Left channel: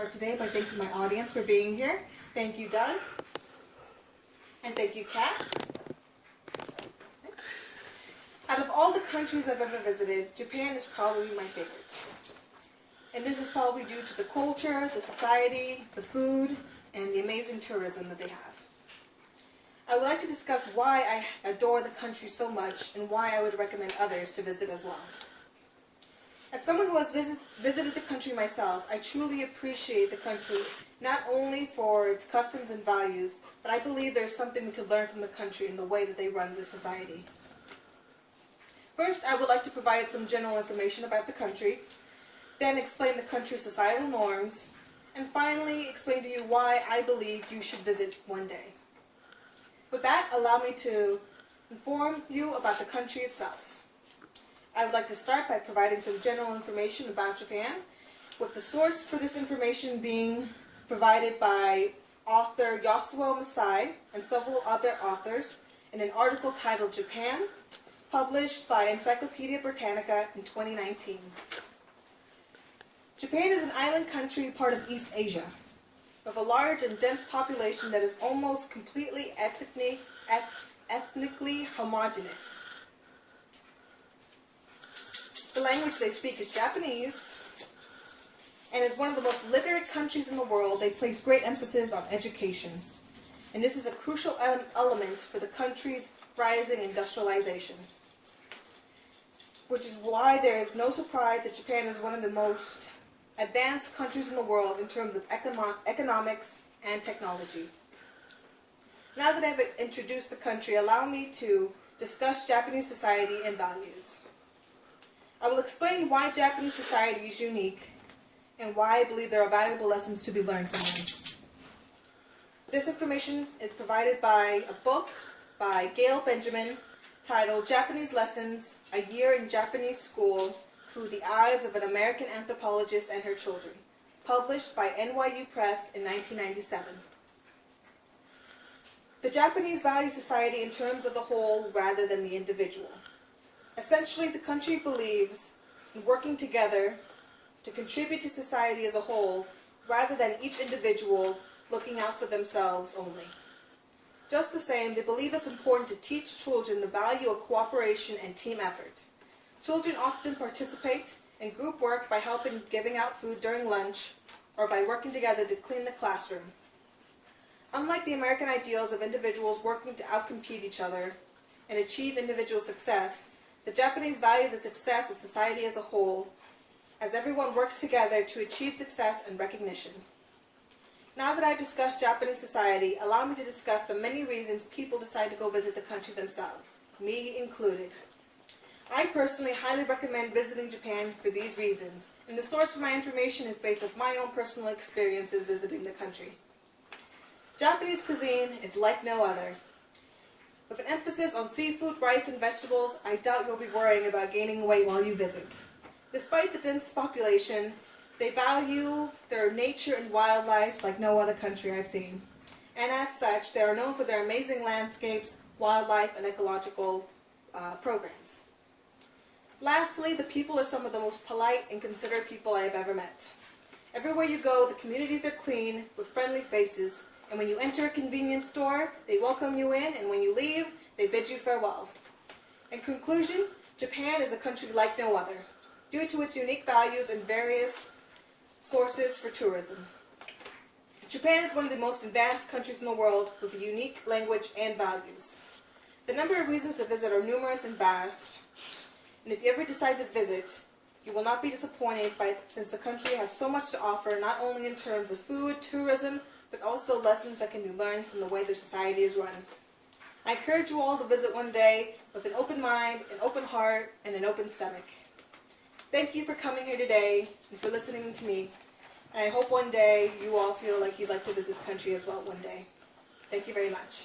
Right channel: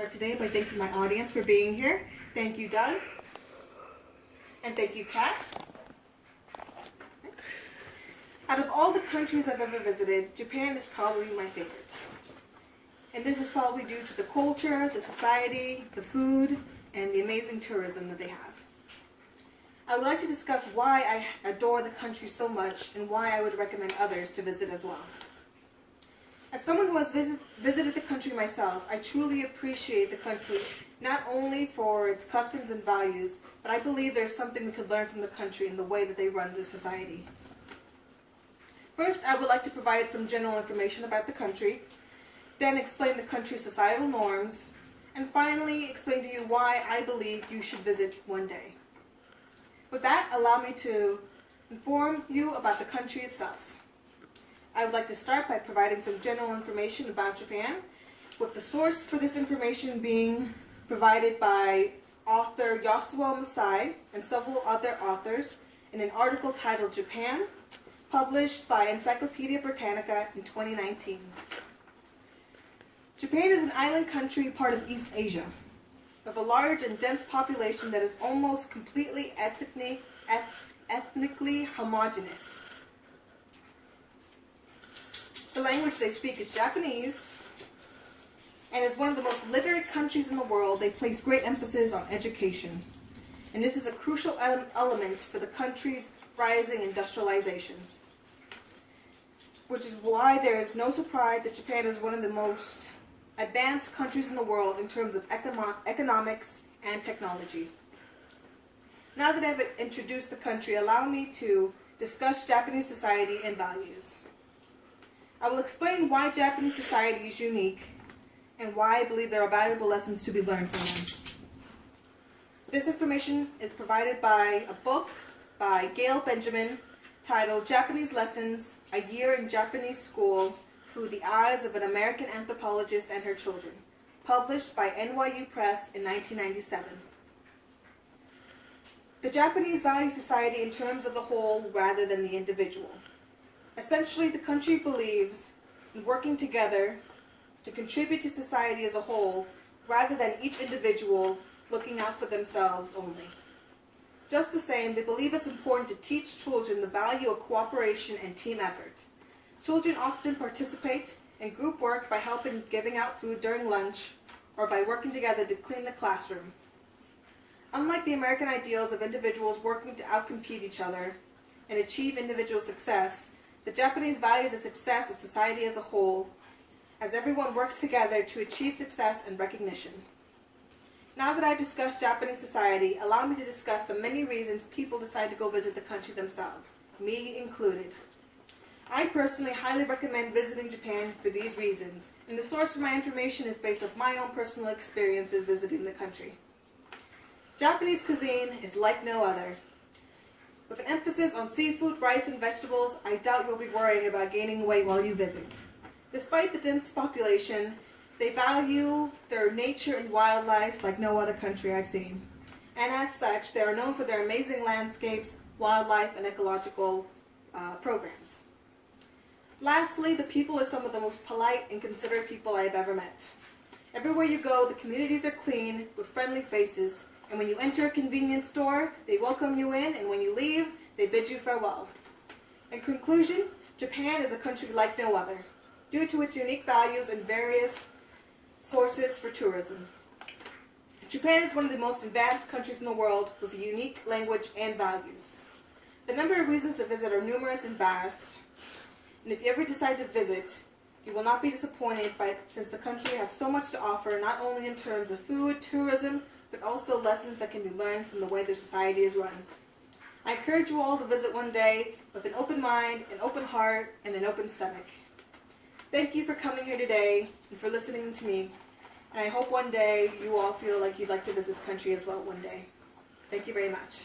Start today by thanking my audience for being here. Thank you, Doug. And thank you, Kat. Out of all the countries I've ever visited, Japan is probably my favorite. And this is probably due to the culture, the society, the food, and the amazing tourism that they have. I would like to discuss why I adore the country so much and why I would recommend others to visit as well. As someone who has visited the country myself, I truly appreciate the country not only for its customs and values, but I believe there's something we could learn from the country in the way that they run their society. First, I would like to provide some general information about the country, then explain the country's societal norms, and finally explain to you why I believe you should visit one day. With that, allow me to inform you about the country itself. I would like to start by providing some general information about Japan, with the source for this information being provided by author Yasuo Masai and several other authors in an article titled Japan, published by Encyclopedia Britannica in 2019. Japan is an island country, part of East Asia, of a large and dense population that is almost completely ethnically homogeneous. The language they speak is Japanese, and as one of the most literate countries in the world, they place great emphasis on education. And this is a crucial element for the country's rising industrialization, which is why there is no surprise that Japan is one of the most advanced countries in the world in terms of economics and technology. Now that I've introduced the country, allow me to discuss Japanese society and values. I will explain why Japanese society is unique and why I believe there are valuable lessons to be learned from them. This information is provided by a book by Gail Benjamin titled Japanese Lessons, A Year in Japanese School Through the Eyes of an American Anthropologist and Her Children, published by NYU Press in 1997. The Japanese value society in terms of the whole rather than the individual. Essentially, the country believes in working together to contribute to society as a whole rather than each individual looking out for themselves only. Just the same, they believe it's important to teach children the value of cooperation and team effort. Children often participate in group work by helping giving out food during lunch or by working together to clean the classroom. Unlike the American ideals of individuals working to outcompete each other and achieve individual success, the Japanese value the success of society as a whole, as everyone works together to achieve success and recognition. Now that I've discussed Japanese society, allow me to discuss the many reasons people decide to go visit the country themselves, me included. I personally highly recommend visiting Japan for these reasons, and the source for my information is based on my own personal experiences visiting the country. Japanese cuisine is like no other. With an emphasis on seafood, rice, and vegetables, I doubt you'll be worrying about gaining weight while you visit. Despite the dense population, they value their nature and wildlife like no other country I've seen. And as such, they are known for their amazing landscapes, wildlife, and ecological programs. Lastly, the people are some of the most polite and considerate people I have ever met. Everywhere you go, the communities are clean, with friendly faces, and when you enter a convenience store, they welcome you in, and when you leave, they bid you farewell. In conclusion, Japan is a country like no other, due to its unique values and various sources for tourism. Japan is one of the most advanced countries in the world with a unique language and values. The number of reasons to visit are numerous and vast, and if you ever decide to visit, you will not be disappointed since the country has so much to offer, not only in terms of food, tourism, but also lessons that can be learned from the way the society is run. I encourage you all to visit one day with an open mind, an open heart, and an open stomach. Thank you for coming here today and for listening to me. And I hope one day you all feel like you'd like to visit the country as well one day. Thank you very much.